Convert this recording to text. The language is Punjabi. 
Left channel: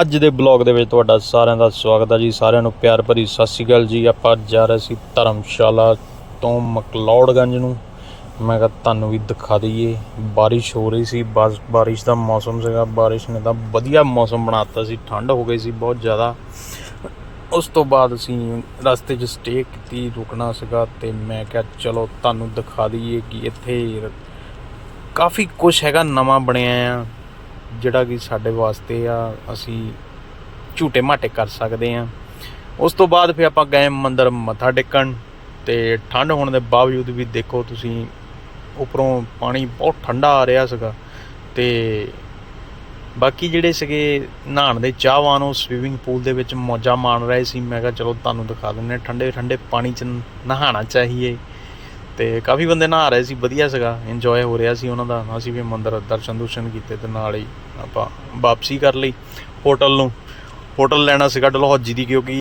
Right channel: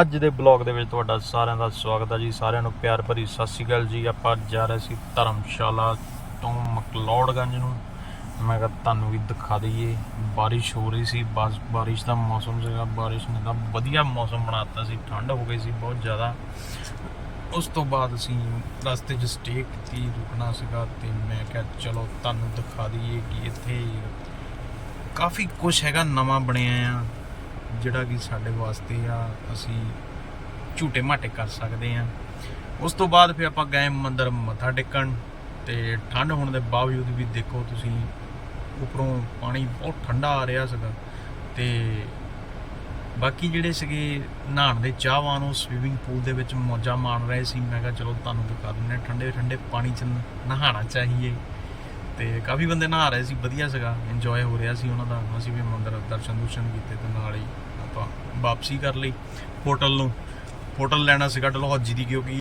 ਅੱਜ ਦੇ ਬਲੌਗ ਦੇ ਵਿੱਚ ਤੁਹਾਡਾ ਸਾਰਿਆਂ ਦਾ ਸਵਾਗਤ ਹੈ ਜੀ। ਸਾਰਿਆਂ ਨੂੰ ਪਿਆਰ ਭਰੀ ਸਤਿ ਸ਼੍ਰੀ ਅਕਾਲ ਜੀ। ਆਪਾਂ ਜਾ ਰਹੇ ਸੀ ਧਰਮਸ਼ਾਲਾ ਤੋਂ ਮਕਲੌੜਗੰਜ ਨੂੰ। ਮੈਂ ਕਿਹਾ ਤੁਹਾਨੂੰ ਵੀ ਦਿਖਾ ਦਈਏ। ਬਾਰਿਸ਼ ਹੋ ਰਹੀ ਸੀ। ਬਸ ਬਾਰਿਸ਼ ਦਾ ਮੌਸਮ ਸੀਗਾ। ਬਾਰਿਸ਼ ਨੇ ਤਾਂ ਵਧੀਆ ਮੌਸਮ ਬਣਾਤਾ ਸੀ। ਠੰਡ ਹੋ ਗਈ ਸੀ ਬਹੁਤ ਜ਼ਿਆਦਾ। ਉਸ ਤੋਂ ਬਾਅਦ ਅਸੀਂ ਰਸਤੇ 'ਚ ਸਟੇ ਕੀਤੀ, ਰੁਕਣਾ ਸੀਗਾ ਤੇ ਮੈਂ ਕਿਹਾ ਚਲੋ ਤੁਹਾਨੂੰ ਦਿਖਾ ਦਈਏ ਕਿ ਇੱਥੇ ਕਾਫੀ ਕੁਝ ਹੈਗਾ, ਨਵਾਂ ਬਣਿਆ ਆ। ਜਿਹੜਾ ਕਿ ਸਾਡੇ ਵਾਸਤੇ ਆ, ਅਸੀਂ ਝੂਟੇ ਮਾਟੇ ਕਰ ਸਕਦੇ ਆ। ਉਸ ਤੋਂ ਬਾਅਦ ਫਿਰ ਆਪਾਂ ਗਏ ਮੰਦਰ ਮੱਥਾ ਟੇਕਣ ਤੇ ਠੰਡ ਹੋਣ ਦੇ ਬਾਵਜੂਦ ਵੀ ਦੇਖੋ ਤੁਸੀਂ, ਉੱਪਰੋਂ ਪਾਣੀ ਬਹੁਤ ਠੰਡਾ ਆ ਰਿਹਾ ਸੀਗਾ ਤੇ ਬਾਕੀ ਜਿਹੜੇ ਸੀਗੇ ਨਹਾਉਣ ਦੇ ਚਾਹਵਾਨ, ਉਹ ਸਵੀਮਿੰਗ ਪੂਲ ਦੇ ਵਿੱਚ ਮੌਜਾਂ ਮਾਣ ਰਹੇ ਸੀ। ਮੈਂ ਕਿਹਾ ਚਲੋ ਤੁਹਾਨੂੰ ਦਿਖਾ ਦਿੰਦੇ ਹਾਂ ਠੰਡੇ ਠੰਡੇ ਪਾਣੀ 'ਚ ਨਹਾਉਣਾ ਚਾਹੀਏ। ਤੇ ਕਾਫੀ ਬੰਦੇ ਨਹਾ ਰਹੇ ਸੀ, ਵਧੀਆ ਸੀਗਾ ਇੰਜੋਏ ਹੋ ਰਿਹਾ ਸੀ ਉਹਨਾਂ ਦਾ। ਅਸੀਂ ਵੀ ਮੰਦਰ ਦਰਸ਼ਨ ਦੂਸ਼ਨ ਕੀਤੇ ਤੇ ਨਾਲ ਹੀ ਆਪਾਂ ਵਾਪਸੀ ਕਰ ਲਈ ਹੋਟਲ ਨੂੰ। ਹੋਟਲ ਲੈਣਾ ਸੀਗਾ ਡਲਹੌਜੀ ਦੀ ਕਿਉਂਕਿ